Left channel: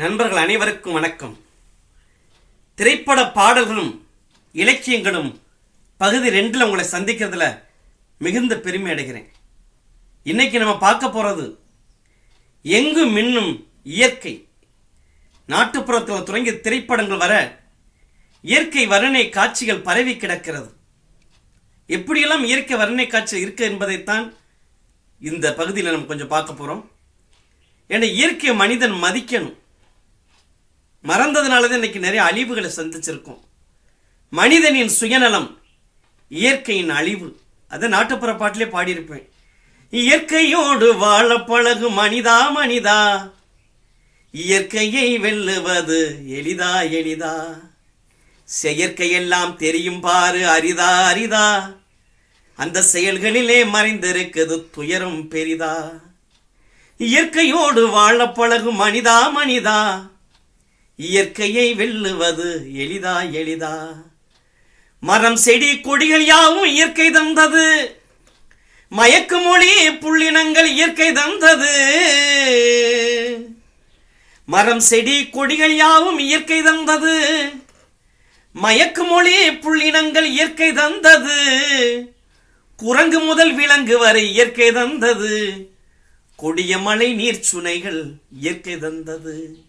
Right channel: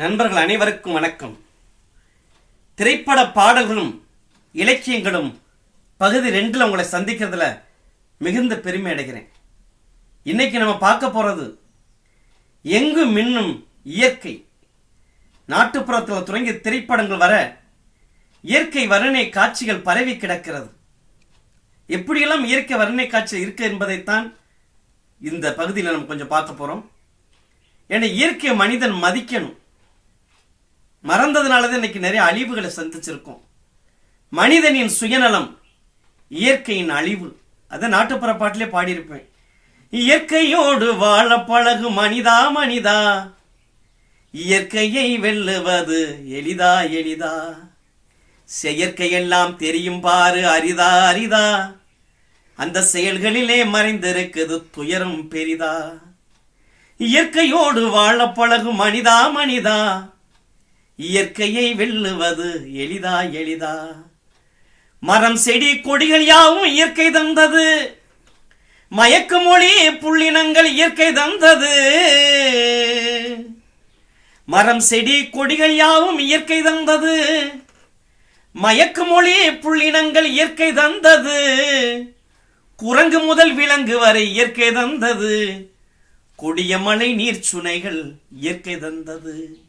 நண்பர்கள் அனைவருக்கும் வணக்கம். திரைப்பட பாடல்களும் இலக்கியங்களும் பகுதி ரெண்டில் உங்களை சந்திக்கிறதுல மிகுந்த பெருமை அடைகிறேன். இன்னைக்கு நம்ம பார்க்க போகிறது எங்கு மின்னும் இயற்கை. நாட்டுப்புறத்தில் தொடங்கி திரைப்படங்கள் வர இயற்கை வர்ணனை காட்சிகள் பரவி கிடக்கிறது. எப்படியெல்லாம் இயற்கை வர்ணனை காட்சி இருக்கு என்பதைத்தான் இந்த பகுதியில் நம்ம கொஞ்சம் பார்க்க போகிறோம் ஏன்னா இயற்கை மனிதன் மதிக்கணும். மறந்ததுனால தான் இன்னைக்கு நிறைய அழிவுகளை சந்திச்சிருக்கோம். மனிதனின் சுயநலம் இயற்கையின் அழிவு. அதை நாட்டுப்புற பாட்டிலே பாடியிருப்பேன். இயற்கையோடு வாழ பழகு மனிதா மனிதா. இயற்கையை வெல்லுவது எளிதா எளிதா. செயற்கையெல்லாம் தெரியும் பாரு அரிதா அரிதா. அந்த செயல்களிலே மறைந்திருக்குது துயரம் பெரிதா. இயற்கையோடு வாழ பழகு மனிதா மனிதா. இயற்கையை வெல்லுவது எளிதா எளிதா? மரம் செடி கொடிகள் யாவும் இயற்கை தந்தது. மயக்கு மொழி புள்ளினங்கள் இயற்கை தந்தது. மரம் செடி கொடிகள் யாவும் இயற்கை தந்தது. மயக்கு மொழி புள்ளினங்கள் இயற்கை தந்தது. குரங்கு முதல் விலங்கு வரை இயற்கை தந்தது. கொடிய மழை நீர் சுனைகள் இயற்கை தந்தது.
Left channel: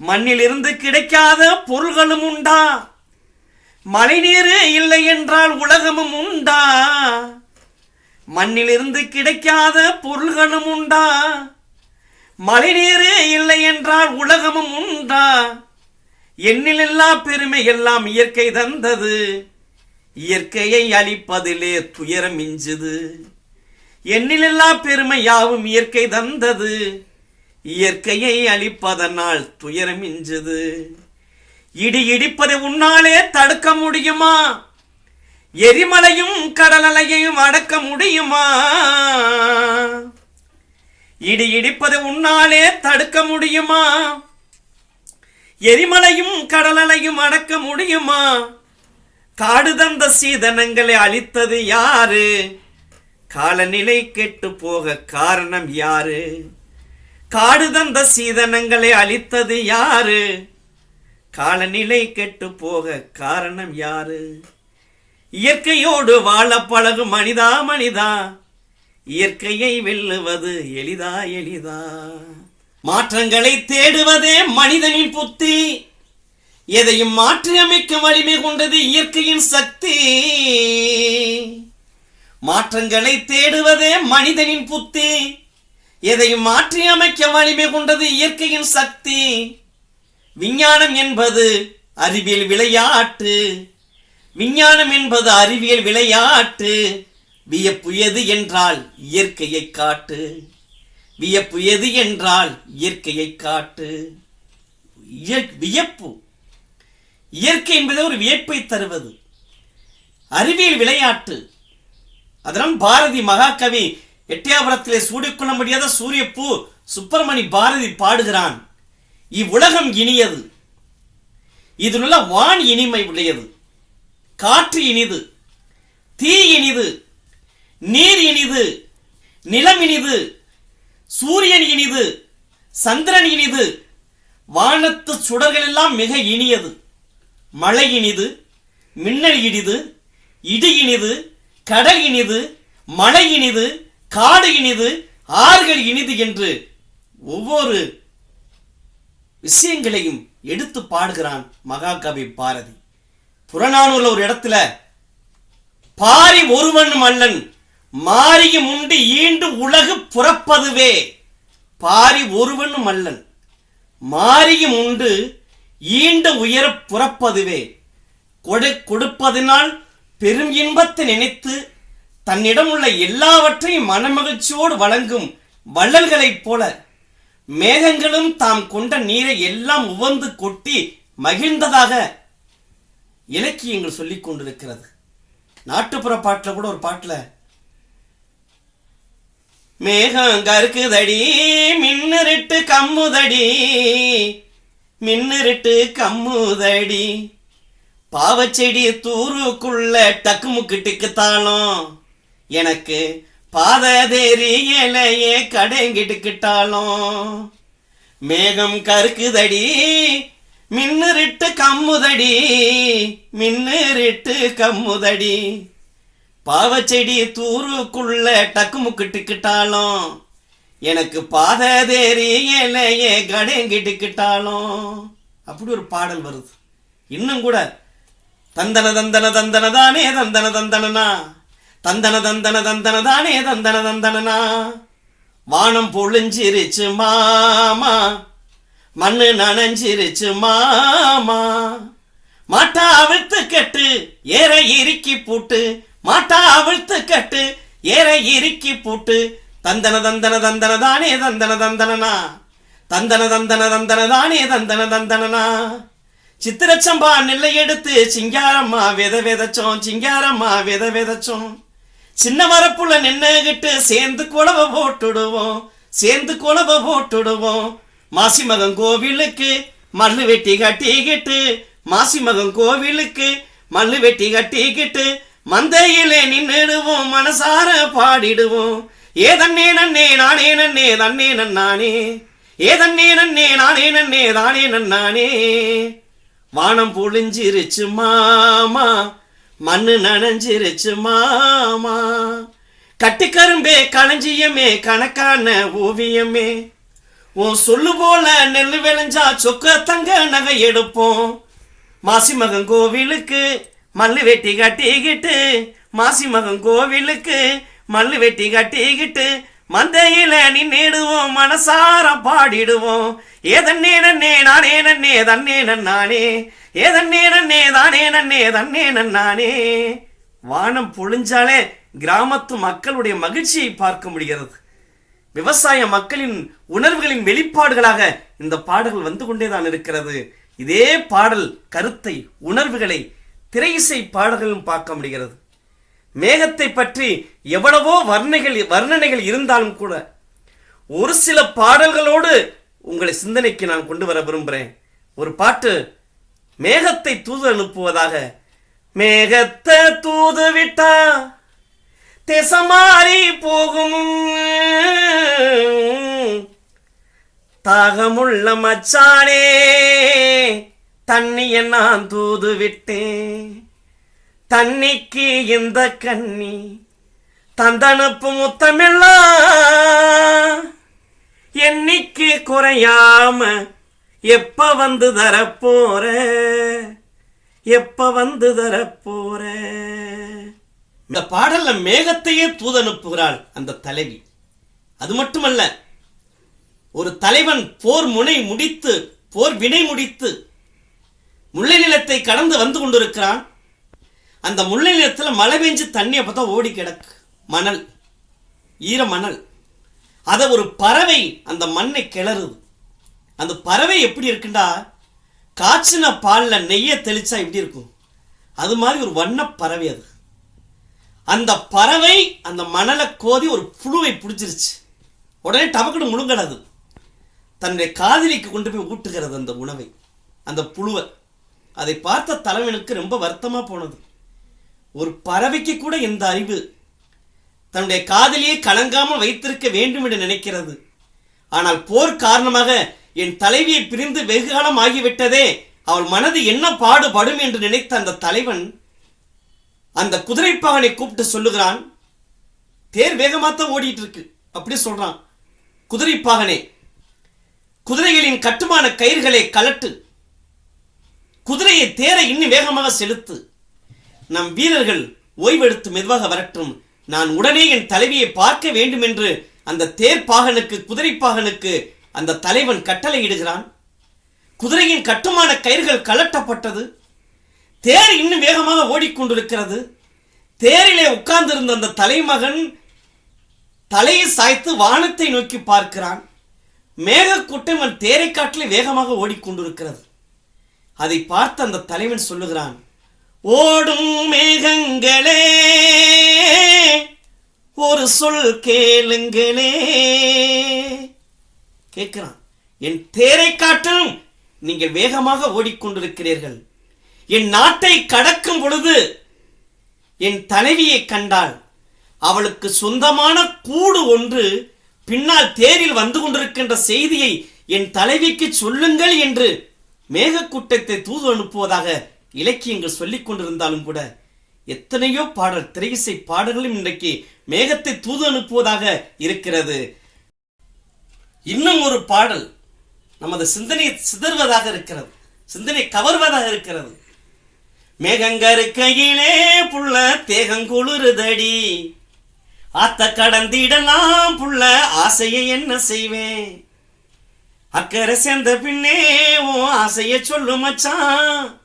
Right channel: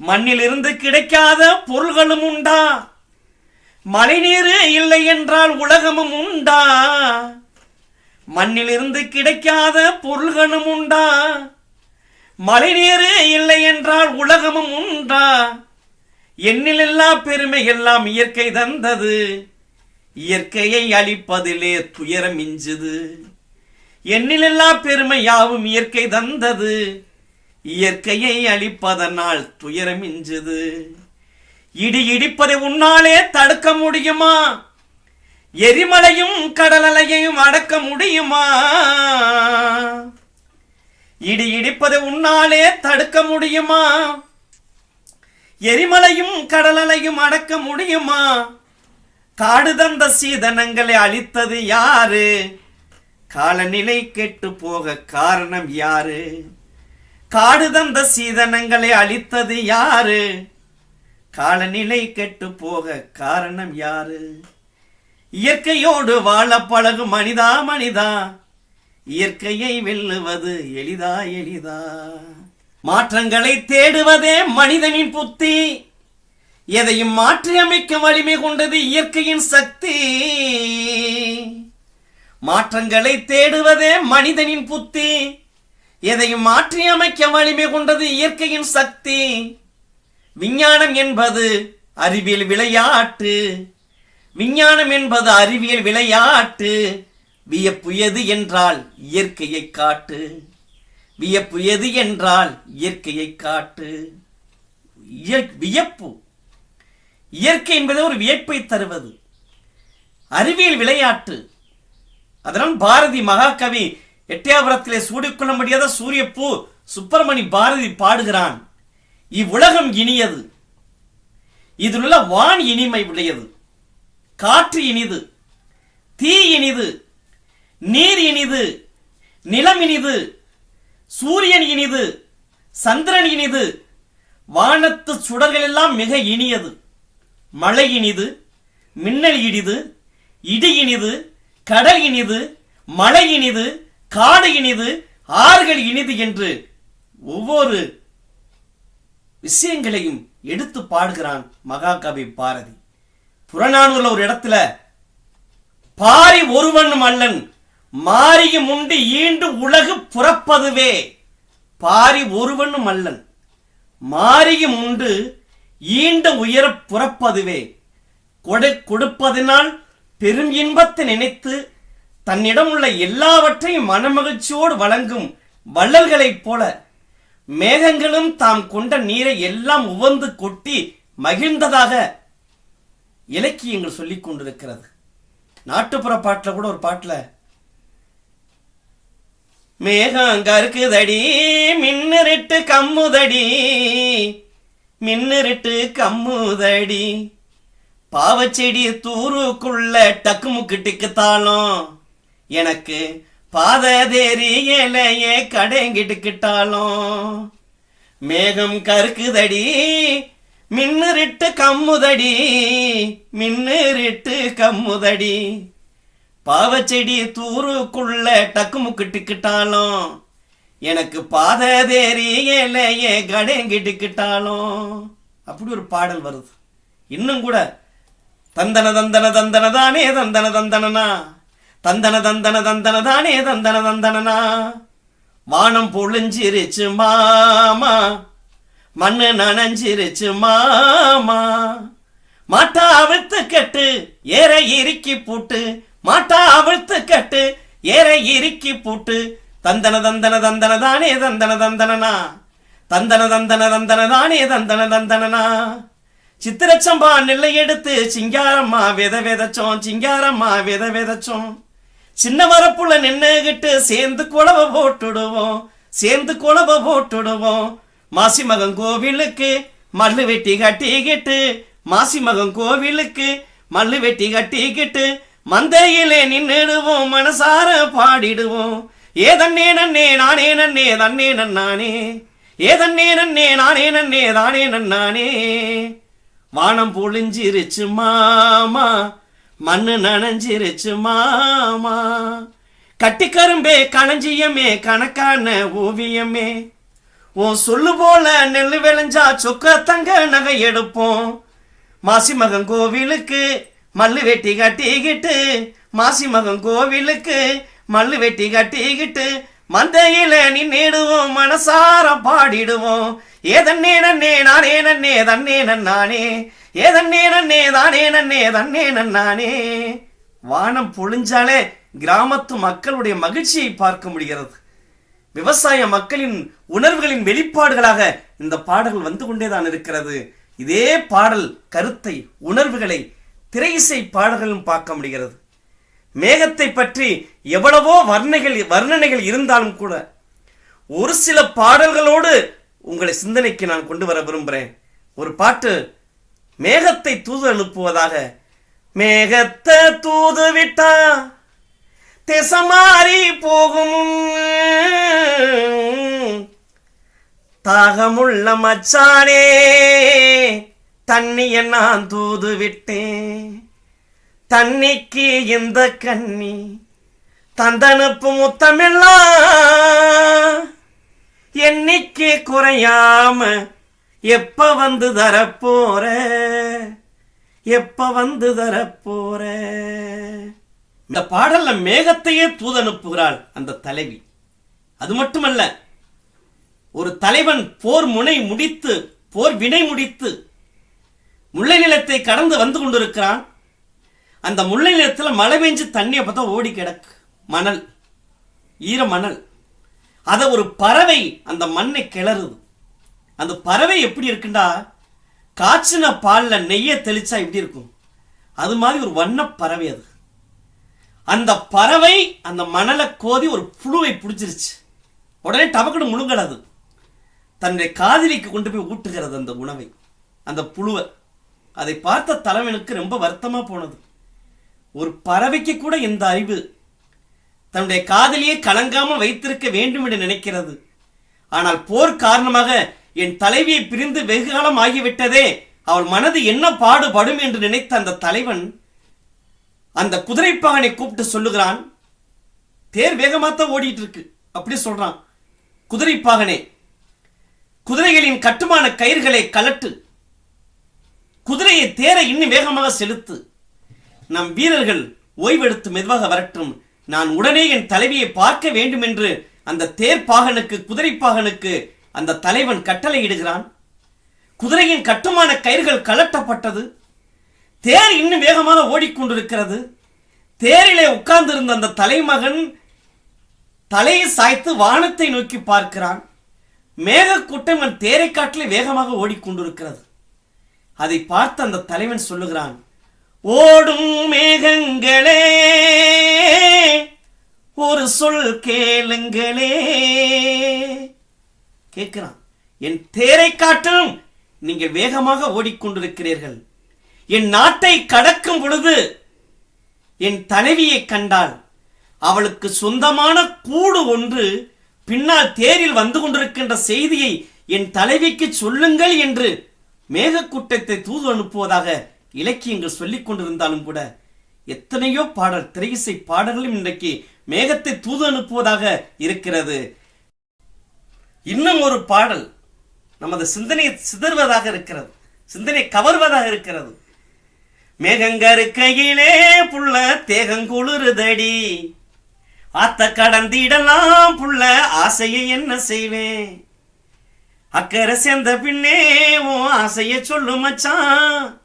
மண்ணிலிருந்து கிடைக்காத பொருள்களும் உண்டா? மழைநீர் இல்லை என்றால் உலகமும் உண்டா? மண்ணிலிருந்து கிடைக்காத பொருள்களும் உண்டா? மழைநீர் இல்லை என்றால் உலகமும் உண்டா? எண்ணிலெல்லா பெருமை எல்லாம் இயற்கை தந்தது. இயற்கையை அழிப்பதிலே துயரம் மிஞ்சுது. எண்ணிலெல்லா பெருமை யாவும் இயற்கை தந்தது. இயற்கையை அழிப்பதனால் துயரம் மிஞ்சுது இடி இடிப்பதை உன்னாலே தடுக்க முடியுமா? எரிமலையும் கடலலையையும் அடக்க முடியுமா? இடி இடிப்பதை உன்னாலே தடுக்க முடியுமா? எரிமலையும் கடலலையும் அடக்க முடியுமா? காடு தந்த சீதனங்களை அழித்தது யாரு? காலநிலை கெட்டு போக காரணம் யாரு? காடு தந்த சீதனங்களை அழித்தது யாரு? காலநிலை கெட்டு போக காரணம் யாரு? இயற்கையோடு வாழ பழகு மனிதா மனிதா இயற்கையை வெல்லுவது எளிதா எளிதா? மாற்றங்களை தேடுவதே மனிதனின் புத்தி எதையும் மாற்றி அமைக்கும் வலிமை கொண்டது இயற்கையின் சக்தி. மாற்றங்களை தேடுவதே மனிதனின் புத்தி எதையும் மாற்றி அமைக்க வலிமை கொண்டது இயற்கையின் சக்தி. விஞ்ஞானம் என்பது அறிவியல் விளையாட்டு. விஞ்ஞானம் என்பது அறிவியல் விளையாட்டு. வியப்பு எது என்றால் இயற்கையை காட்டு. வியப்பு எது என்றால் இயற்கையை காட்டு. வியப்பு. இயற்கை என்பது ஒரு வியப்பை தருவது. அறிவியல் விளையாட்டு. அதனால் பாரதி மகாகவி எட்டயபுரத்திலே சூடிக்கொள்ள முடியாத சூரியப்பூ சுப்பிரமணி பாரதி பாடுகிறான். இவ்வுலகம் இனியது. இதிலுள்ள வான் இனிமை உடையது. காற்று இனிது. தீ இனிது. நீர் இனிது. நிலம் இனிது. சூரியன் இனிது. சந்திரன் இனிது. வானத்து சுடர்கள் எல்லாம் மிக இனியது. மழை இனிது. மின்னல் இனிது. இடி இனிது. கடல் இனிது. மழை இனிது. காடு இனிது ஆறுகள் இனிது என்று ஒவ்வொரு விஷயங்களையும் எடுத்து பாடுகிறான் மகாகவி பாரதி. புறநானூர்ல ஒரு இடத்துல பாரி ஒருவனும் அல்லன் மாறியும் உண்டு ஈண்டு உலகு புறப்பதுவே. பாரி ஒருவனும் அல்லன் மாறியும் உண்டு ஈண்ட உயர புறப்பதுவே. கொடை கொடுப்பதினால் பெரும் இன்பத்தை நினைத்து தன்னிடம் உள்ள எல்லாவற்றையும் மனமகிழ்ச்சியோடு வழங்கும் வள்ளல்களைப் போல மேகங்களும் தாம் கொண்ட நீரை எல்லாம் உவந்து கொட்டி மகிழ்ந்ததாக இலக்கியங்கள் சொல்லிக் கொண்டிருக்கிறது. நாட்டுப்புற பாட்டில் கூட ஒரு பாட்டில் மேகம் கருக்குதடி மின்னிருட்டு கம்முதடி மின்னிருட்டு கம்முதடி பாவச்செடி தூருக்குள்ள டக்கு முக்கு டிக்குத்தாலும் எனக்கு பாத தெரியலையே கடைங்கிட்டுக்கிட்டாலும் மேகம் கருக்குதடி மின்னுரிட்டு கம்முதடி மின்னுரிட்டு கம்முதடி. பாவச்செடி தூருக்குள்ள டக்கு முக்கிட்டுக்கிட்டாலும் எனக்கு பாத தெரியலையே கடைங்கிட்டுக்கிட்டாலும். அப்படி ஒரு பாடல் வருது. இன்னும் கூட தந்தன தந்தன தந்தன தானே தந்தன தந்தனனா? தந்தன தந்தன தந்தன தானே தந்தன தந்தனனா? வானம் பொழிஞ்சிருச்சு மாமா. மண்ணு நனைஞ்சிருச்சு மாமா. மாட்டா அவிழ்த்து கட்டு ஏற இறுக்கி பூட்டு. மாட்டா அவிழ்த்து கட்டு ஏற இறுக்கி பூட்டு. தந்தன தந்தன தந்தன தானே தந்தன தந்தனனா? தந்தன தந்தன தந்தன தானே தந்தன தந்தனனா? சித்திரச்சம்பா நெல்லை எடுத்து சிங்காரம்மா வித விதைச்சோம் சிங்காரம்மா வித விதைச்சோம். சின்ன வரப்புல நின்னுகிட்டு சேர்ந்து குழவ போட்டுடுவோம். சேர்ந்து குழவ போட்டுடுவோம். மாசி மகன் கோவிலுக்கு மல்லு வெட்டி கட்டிக்கிட்டு மாசி மகன் கோவிலுக்கு மல்லு வெட்டி கட்டிக்கிட்டு மந்தையிலே நின்னுடுவோம் மனசார பாடிடுவோம். ஏதன்னே நன்னே நானே நன்னே தன்னே நன்னானே. ஏதன்னே நன்னே நானே நன்னே தானே நன்னானே. வானம் பொழிஞ்சிருச்சு மாமா. மண்ணு நனைஞ்சிருச்சு மாமா. கட்டிக்கரும்பே களஞ்சியமே கணக்கான ஓவியமே. உன் சொல்லு போல நெல் விளைஞ்சா சொக்க தங்க நகை எடுப்போம். மாசி மகன் கோவிலுக்கு மல்லு வெட்டி கட்டிக்கிட்டு மாசி மகன் கோவிலுக்கு மல்லு வெட்டி கட்டிக்கிட்டு மந்தையில நின்னிடுவோம் மனசார பாடிடுவோம். ஏதன்னே நன்னே நானே நன்னே தன்னே நன்னானே. ஏதன்னே நன்னே தானே நன்னே தன்னே நன்னானே. வானம் பொழிஞ்சாலே கிராமத்து மக்களுடைய மகிழ்ச்சியை பார்க்க முடிகிறது. விவசாய மக்களின் உணர்வுகளின் வெளிப்பாடுகளாக இந்த பாடல்கள் வந்து கொண்டேதான் இருக்கிறது. இதே பாடல் கருத்தை உணர்வுகளை திரையிசை பாடல்களும் பார்க்க முடிகிறது. மேகத்தை பற்றி எவ்வளவோ வர்ணைகள் வர்ணனைகள் இருந்தாலும் கூட ஒரு சில பாடல்களோடு உங்களை சிந்தனைக்கு நான் கொண்டு வர விரும்புகிறேன் ஒரு பாட்டு மேகத்தை தூது அனுப்புவதாக. மேகத்தை தூது விட்டா திசமாறி போகும். தாகமுள்ள மச்சானே தண்ணியை நான் தூது விட்டேன். தன்னிக்கு இந்த கண்ணி? தந்தனுப்பு முத்தமெல்லாம் எண்ணிக்கு குறையாம எப்ப வந்து தரப்போற? எப்ப வந்து தரப்போற? இந்த பாடல்ல மேகத்தையே தூதனுப்புகிறாள் அந்த தலைவி. அது மட்டுமல்ல ஒரு தலைவன் போர் முனை முடித்து போர் வினை முடித்து முல்லை நிலத்தை கடந்து வந்து கொண்டிருக்கிறான். அந்த முல்லை நிலத்தில் மழை பெஞ்சு தண்ணி அப்பதான் ஓடி கிடக்கு. மணல். ஈர மணல். அதை ஒரு பறவை அந்த மண்ணை கிளறுது. அந்த பறவை எப்படி இருக்குண்டா? காய்ச்சின பாலில் நெய்யை தெளிச்சா எப்படி இருக்கும்? அது மாதிரி ஒரு வண்ண பறவை அது. அந்த பறவை அந்த மணலை கோதி ஒரு புழுவை பிடிச்சிருச்சு. உடனே டபக்குன்னு முழுங்கடாது தன்னுடைய காதலிக்கு கொண்டு போய் ஊட்டுகிறது அந்த உணவை. அந்த புழுவை. அதை பார்த்த தலைவனுக்கு ரொம்ப வருத்தமாக போனது. ஒரு பறவைக்கு கூட இந்த அறிவு தன்னுடைய காதலியை கலங்காமல் வைத்திருக்க வேண்டும் என்று நினைக்கிறது. ஆனால் போர் காரணமாக என் தலைவியை பிரிந்து வெகு காலம் ஆகிவிட்டதே அவள் மனது என்ன பாடுபடும் என்று நினைத்த அந்த தலைவன் அந்த குதிரைப்பாகனை கூப்பிட்டு சொல்லுகிறான் தேர் வேகமாத்தான் ஓடிட்டு இருக்கு அப்படி சொல்றான். குதிரைப்பாகனே குதிரைகளின் கட்டுமான கயிறுகளை கலட்டு குதிரையை தேரை இன்னும் வேகமாக செலுத்து. நம் வீரர்கள் ஓய்வெடுத்து மெதுவாக வரட்டும். நான் உடனே என் தலைவியை பார்க்க வேண்டும் என்று அந்த தேர் பாகனுக்கு குதிரை பாகனுக்கு அந்த தலைவன் கட்டளையிடுகிறான். குதிரையின் கட்டுமான கயிறுகள் கலட்டப்பட்டது தேர் இன்னும் வேகமாக ஓடிக்கொண்டிருக்கிறது. தேரிலே உட்கார்ந்திருந்த அந்த தலைமகன் தலையை சாய்த்து வானத்தை நோக்கி பார்க்கிறான். மேகக்கூட்டம் அவன் தேரை காட்டிலே வேகமாக ஓடிக்கொண்டிருக்கிறது. அதை பார்த்து அந்த தலைவன் சொல்லுகிறான் ஓடும் மேகங்களே ஒரு சொல் கேளுங்களே. கேட்கிறான் என் தேரை காட்டும் நீங்கள் வேகமாக ஓடிக்கொண்டிருக்கிறீர்கள். என் நாட்டை கடக்கும் பொழுது என் தலைவியை கண்டால் அவளுக்கு சொந்தமான கூடு ஒன்று பின்னால் தேரில் வந்து கொண்டிருக்கின்ற செய்தியை என் தலைவிக்கு சொல்லுங்கள் என்று மேகக்கூட்டத்தை தூது அனுப்புவதாக இலக்கியங்கள் சொல்லிக் கொண்டிருந்தாலும் கூட எத்தனையோ பாடல் திரையிசை பாடல்களும் இன்றைக்கு மேகத்தை தூது அனுப்புவதாக இருக்கிறது. இன்னும் ஒரு பாடல் நமது சிந்தனையை சிதறுவதாக இருக்கிறது. சிந்தனை கவர்வதாக இருக்கிறது. மேகங்கருக்கையிலே புள்ள தேகங்குளிருதடி ஆத்த கடந்திடலாம் புள்ள ஆசையை என்ன செய்வேன்? அக்கறை சேர்ந்த பின்னே ஓ ஆசைய சொல்லு மச்சான்.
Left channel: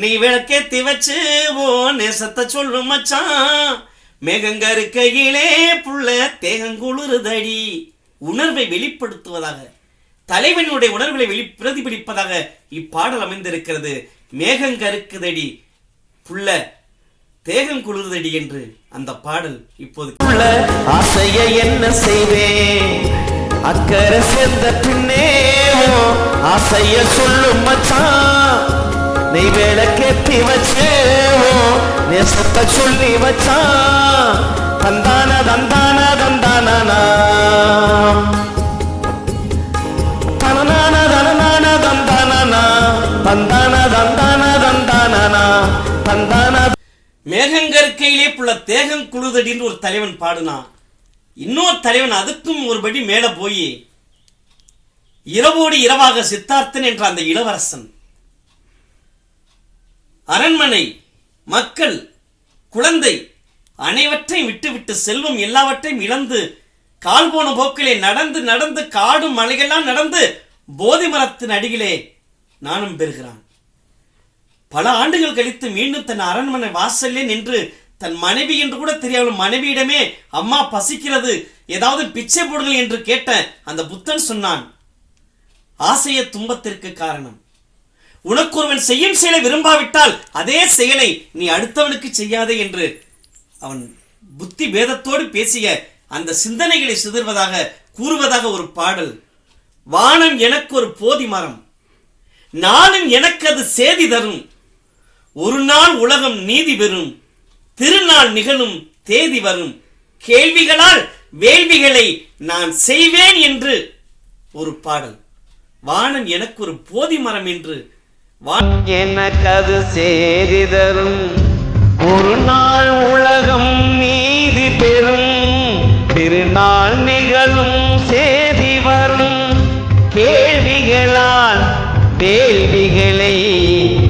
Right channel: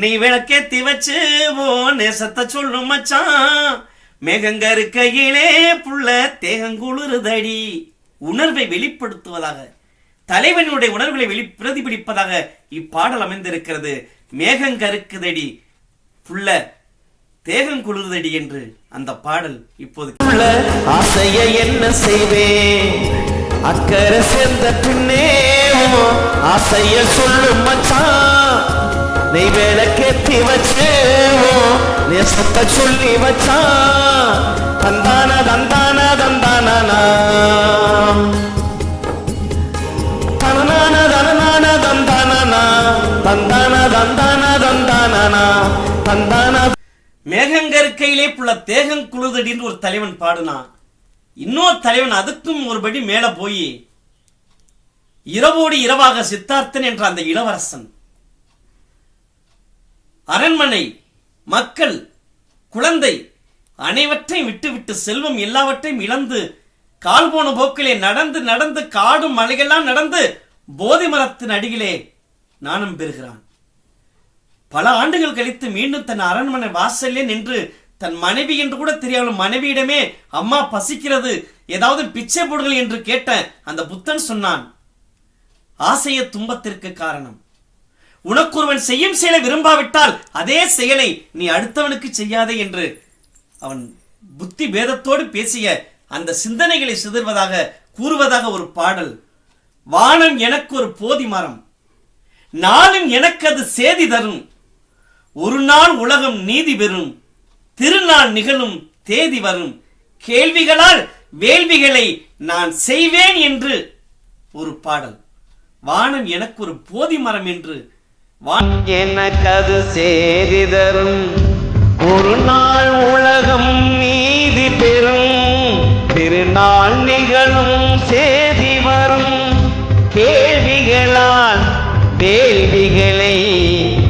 நீ விளக்கேத்தி வச்சு ஓ நேசத்தை சொல்லு மச்சான். மேகங்கருக்கையிலே புள்ள தேகங்குளிருதடி உணர்வை வெளிப்படுத்துவதாக தலைவனுடைய உணர்வுகளை வெளி பிரதிபலிப்பதாக இப்பாடல் அமைந்திருக்கிறது. மேகங்கருக்குதடி புள்ள தேகம் குளிர்தடி என்று அந்த பாடல் இப்போது ஆசைய என்ன செய்வேன் அக்கறை சேர்ந்த பின்னே ஆசைய சொல்லும் மச்சான். நீ விளக்கேத்தி வச்சேவோ உன் நேசத்தை சொல்லி வச்சா? தந்தான தந்தான தந்தானா தனநான தனநான தந்தானா தந்தான தந்தான தந்தானா தந்தான மேகங்கற்கையிலே புள்ள தேகம் குழுதடின்னு ஒரு தலைவன் பாடுனான் இன்னொரு தலைவன் அதுக்கும் ஒருபடி மேல போய் இரவோடு இரவாக சித்தார்த்தன் என்ற அந்த இளவரசன். அரண்மனை மக்கள் குழந்தை அனைவற்றையும் விட்டுவிட்டு செல்வம் எல்லாவற்றையும் இழந்து கால் போன போக்கிலே நடந்து நடந்து காடும் மலைகளெல்லாம் நடந்து போதி மரத்தின் அடியிலே நாணம் பெறுகிறான். பல ஆண்டுகள் கழித்து மீண்டும் தன் அரண்மனை வாசல்லே நின்று தன் மனைவி என்று கூட தெரியாமல் மனைவியிடமே அம்மா பசிக்கிறது. ஏதாவது பிச்சை போடுங்கள் என்று கேட்ட அந்த புத்தன் சொன்னான். ஆசைய துன்பத்திற்கு காரணம். உனக்கு ஒருவன் செய்யும் செயலை விரும்பாவிட்டால் அதே செயலை நீ அடுத்தவனுக்கு செய்யாதே என்று அவன் புத்தி பேதத்தோடு பேசிய அந்த சிந்தனைகளை சிதறுவதாக கூறுவதாக ஒரு பாடல். வானம் எனக்கு ஒரு போதி மரம். நாளும் எனக்கு அது சேதி தரும். ஒரு நாள் உலகம் நீதி பெறும். திருநாள் நிகழும் தேதி வரும். கேள்விகளால் வேள்விகளை நான் செய்வேன் என்று ஒரு பாடல். வானம் எனக்கு ஒரு போதி மரம் என்று எனக்கது சேதி தரும் ஒரு நாள் உலகம் நீதி பெறும். திருநாள் நிகழும் சேதி வரும். கேள்விகளால் வேள்விகளை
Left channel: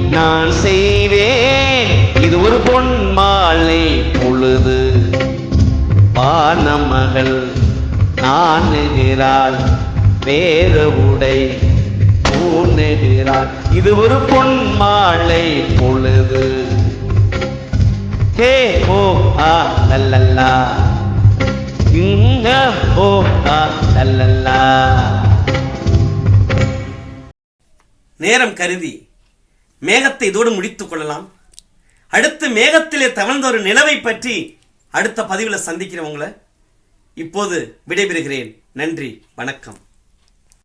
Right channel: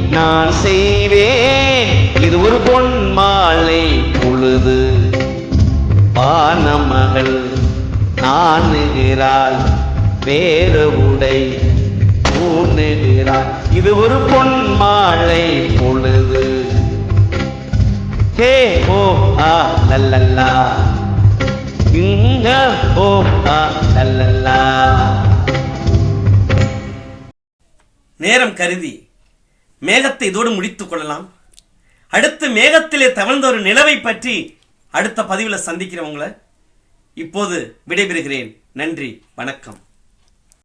நான் செய்வேன். இது ஒரு பொன் மாலை பொழுது. பானமகள் நாணுகிறாள் வேறு உடை பூணுகிறாள். இது ஒரு பொன் மாலை பொழுது. ஹே ஓ ஆ லல்லல்லா இங்க ஓ ஆ லல்லல்லா நேரம் கருதி மேகத்தை இதோடு முடித்துக் கொள்ளலாம். அடுத்து மேகத்திலே தவழ்ந்த ஒரு நிலவை பற்றி அடுத்த பதிவில் சந்திக்கிறவங்கள இப்போது விடைபெறுகிறேன். நன்றி வணக்கம்.